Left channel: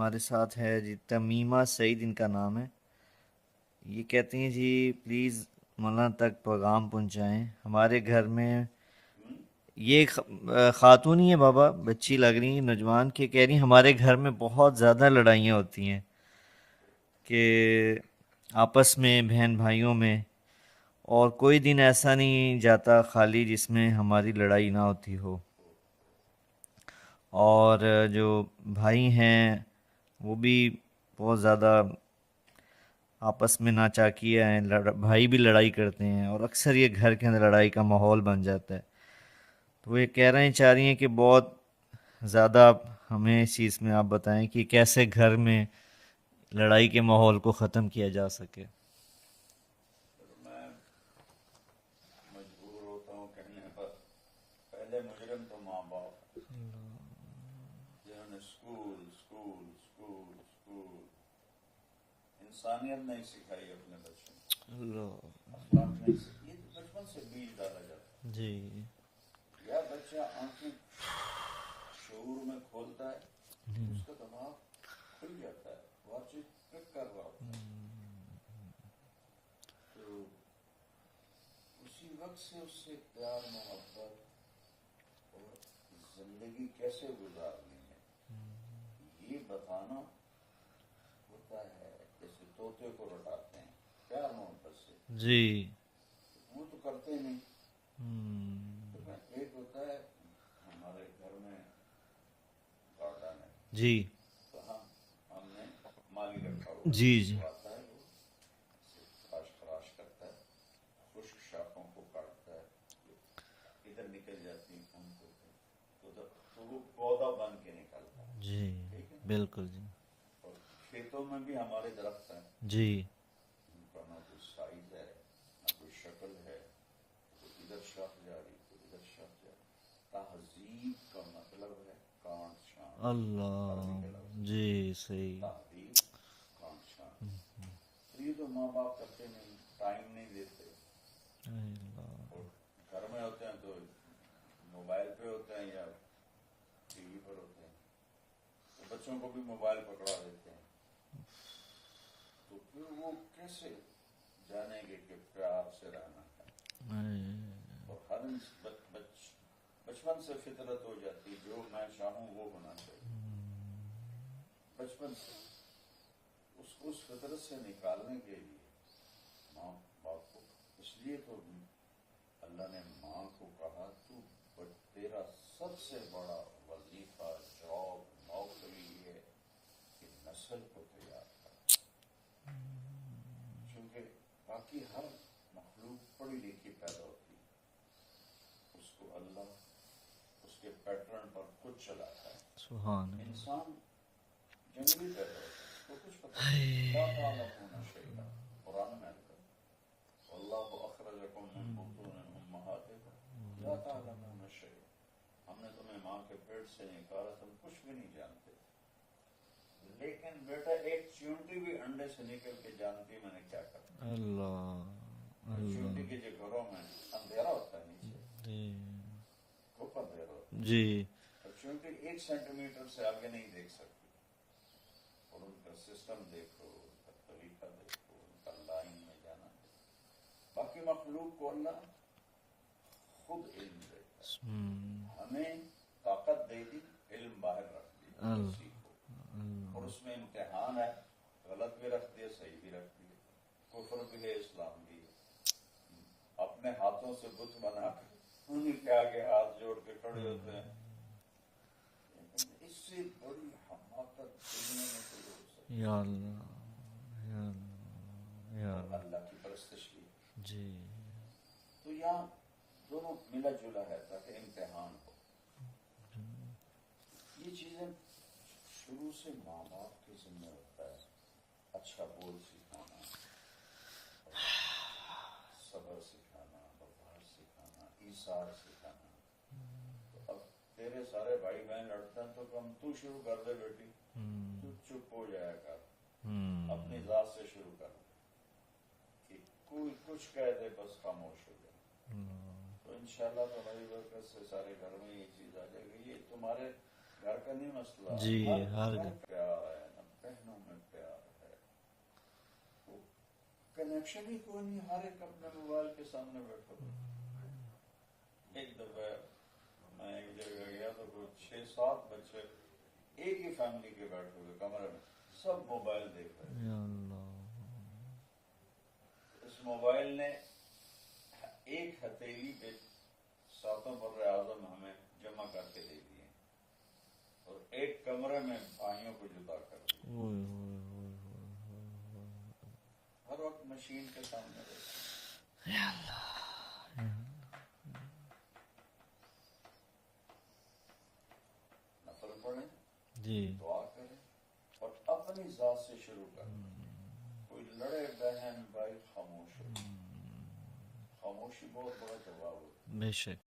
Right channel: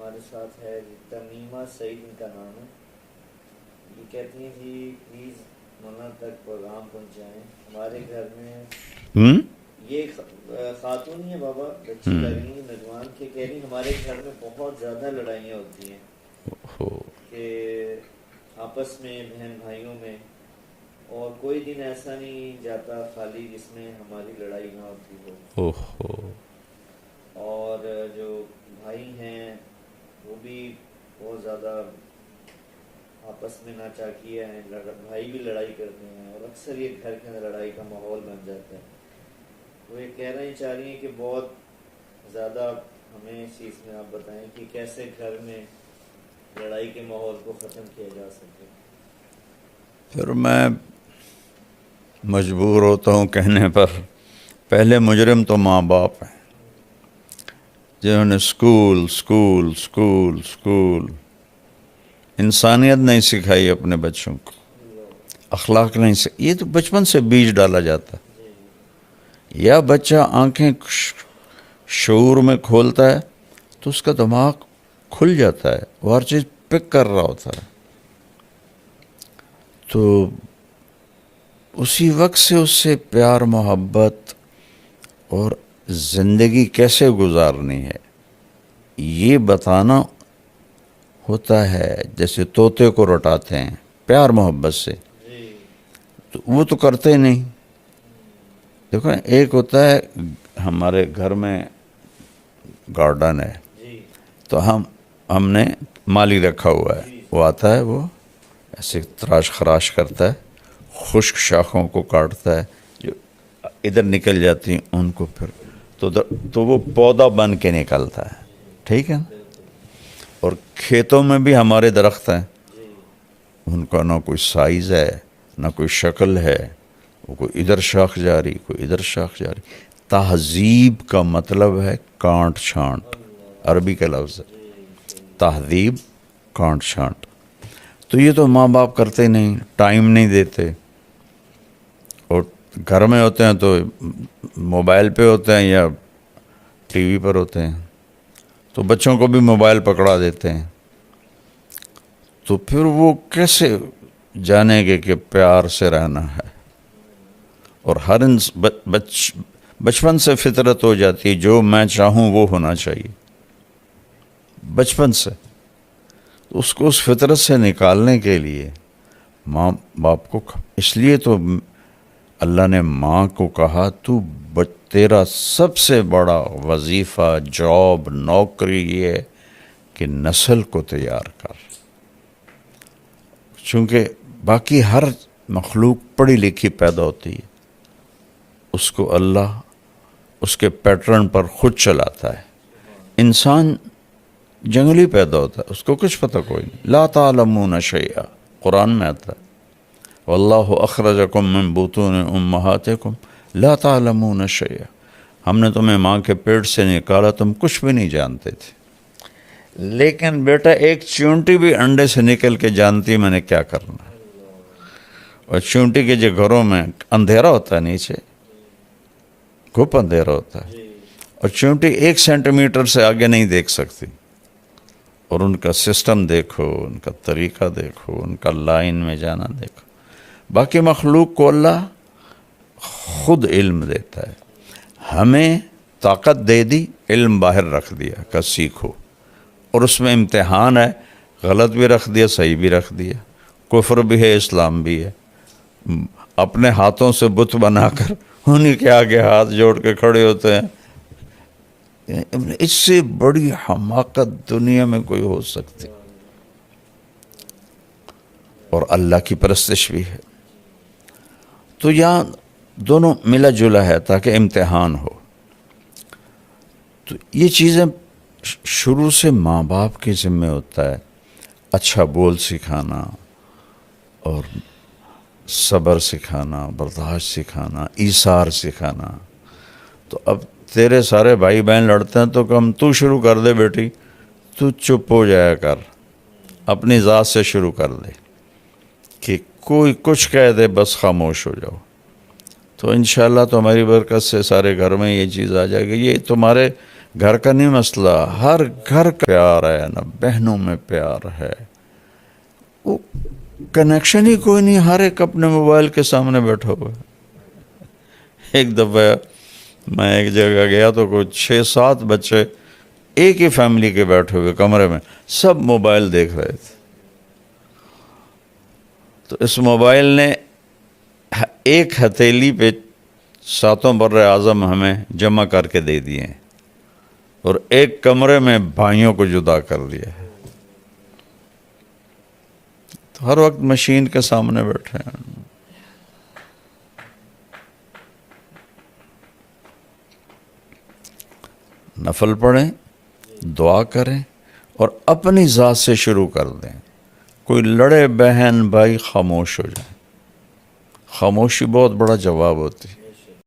ہمارے ساتھ ہے جی تمیمہ سعید ان کا نام ہے. یہ کہتی ہیں جی پلیز مولانا تک پیغام پہنچائیں ہمارے گھر میں. ہوں یہ خاتون ہی ہے بابا, بچی لگ رہی ہیں, نوجوان, کے کہہ رہی ہیں ہمارے گھر میں بہت زیادہ لڑائیاں ہوتی ہیں کہ آپس میں بہن بھائیوں میں, اور کوئی دن ایسا نہیں جاتا خالی جس میں ہماری لڑائی نہ ہوتی ہو. اوہو اور جو بھائی ہیں وہ بھی بہت زیادہ آپس میں ناچاکیہ ہیں, بھائی بھی لڑائی کرتے ہیں اور اکثر یہ گھر کے اندر لڑائی کا ماحول بن جاتا ہے. وہ یہ کہہ رہے ہیں, چاہ رہی ہیں کہ بہت زیادہ ہمیں اس چیز میں آپ بتائیں کہ کیسے گھر میں لڑائی کے ماحول کو ختم کیا جا سکے. پھر میں مجبور ہوتا ہوں کہنے پر, پہلے مجرم تو ماں باپ ہیں جنہوں نے اسکول انسانیت نہیں سکھائی اپنے بچوں کو, اخلاق نہیں سکھائی. یہ تو بچپن سے بیج ڈالا جاتا ہے. جی یا بچہ آنکھیں شعور میں کھولتا ہے تو اس کا دماغ کھل جاتا ہے, وہ ہر چیز پک کر رہا ہوتا ہے. تو اسی وقت سے اس سے پیار محبت اور زندگی کیسے گزارنی ہے یہ بتانا ہوتا ہے. جیسے طوطے کو رٹاتے ہیں پیار محبت سے, جی تو وہ تو کرتے نہیں. دیکھو ایک ہوتا ہے ہمارے گھر میں گارڈن ہے, جی تو ہم نے مالی رکھا ہوا ہے, جی جی وہ آتا ہے, وہ ایسے تراش خراش کرتا ہے, خشک شاخوں کو کاٹتا ہے, جو ادھر نکل جاتی ہیں ان کو پھر تو وہ پودا بن کے نکلتا ہے. جی ٹھیک ہے. بالکل. اور کھیتوں میں بھی ہمارے درخت ہیں, جی ان کا نہ کوئی سائز ہے نہ کوئی شکل ہے, وہ کوئی ادھر شاخ جاری کوئی ادھر شاخ جاری. تہذیب کا مطلب ہے کانٹ چھانٹ, اللہ. عربی کا لفظ ہے جی صحیح. تہذیب, کانٹ چھانٹ. تو یہ تو ماں باپ کرتے نہیں, ٹائم نہیں دیتے, اور گھر میں ہوتے ہیں تو موبائل پہ ہوتے ہیں یا ٹی وی پر ہوتے ہیں, تو بچوں کو بھی موبائل پکڑا دیتے ہیں. تو پھر وہ کیسے جانیں گے کہ پیار سے رہنا ہے. اور ہر بچپن سے فطرت ہو جاتی ہے, جو میں چاہوں وہ ہونا چاہیے بچپن سے. اس کو اس فطرت سے نکالنے کے لیے ماں باپ کو, اس لیے تو اللہ نے ماں کو کہا تو تیرا سب سے بڑا وظیفہ, جاب, نوکری یہ ہے کہ نسل کو تیار کر. چونکہ باقی ہر مخلوق پڑھی لکھی پیدا ہوتی ہے, اس کو اللہ اس کے پیٹرن پر خود چلاتا ہے. سبحان. انسان جنگلی پیدا ہوتا ہے, اس کو کچھ پتہ کوئی نہیں. لا تعلمون شیئا, قرآن میں آتا ہے, واللہ اخرجکم من بطون امہاتکم لا تعلمون شیئا, ہم نے تمہیں ماں کے پیٹ سے نکالا, تم کچھ بھی نہیں جانتے تھے. لیکن بیٹا ایک چونٹی بھی انڈے سے نکل کے جانتی میں نے کیا کرنا ہے. اور چونٹی کے جو گھروں میں اندھیرا ہوتا ہے, نیچے گھپ اندھیرا ہوتا ہے, جی اور چونٹی 1 سینٹی میٹر سے آگے نہیں دیکھ سکتی. اور ان کا سسٹم دیکھو, ان کا طریقہ دیکھو, ان کا لائن میں جانا دیکھو. باقی مخلوق کو اللہ خود علم دیتا ہے. ہمیں طاقت دے دی, علم باہر رکھ دیا کہ سیکھو, اور اس میں امتحان ہے, غلط بھی رکھ دیا صحیح بھی رکھ دیا, کفر بھی ہے اسلام بھی ہے. اپنے ہاتھوں سے بت بنا کر انہی کے آگے ہاتھ جوڑ کے کھڑے ہوتے ہیں. اس سے بڑی حماقت دنیا میں کوئی ہو سکتی, یا اللہ. اور اللہ کی پرستش بھی ہے. تو یہاں دونوں ملا جلا ہے تاکہ امتحان ہو. تو یہ چیزیں شروع سے ماں باپ کے ذمہ ہوتا ہے, اچھا بول سکھانا, اور صبر سکھانا, برداشت سکھانا, ایثار سکھانا. تو اب تیرے سارے بھائی بہن لڑتے ہیں تو کم تو شروع کر دے بیٹی, تو چپ ہو جایا کر, اپنی ذات سے شروع کر دے, کہ کوئی کچھ کہہ دے بس خاموش ہو جاؤ. تو انشاءاللہ تمہاری برکت سے سارے گھر میں یہ چیز آ جائے گی. یہ تمہارے گھر کا نہیں مسئلہ، ہر گھر کا پیار ہے نا، بہنوں میں پیار ہے، وہ کنیکشن ہی کوئی نہیں، ہر ایک اپنے موبائل کے سامنے بیٹھا ہوا ہے۔ ایک دفعہ میں ایک جگہ گیا تو کوئی 6-7 بچے ایک ہی فیملی کے بیٹھے ہوئے کمرے میں، سب موبائل دیکھ رہے تھے۔ تو اس موبائل نے ایک ہتھیلی پہ 7 بر اعظم ہمیں جمع کر کے دے دیے ہیں، اور ایک کمرے میں بھائیوں کو جدا کر دیا ہے۔ تو ہر وقت مشین کے سامنے بیٹھے ہیں۔ نفل پڑھیں، دعا کریں، اور اپنی ذات سے شروع کر دیں۔ کوئی لڑے بہن بھائی خاموش ہو جائیں، خاموشی بہت بڑا جواب ہوتی ہے۔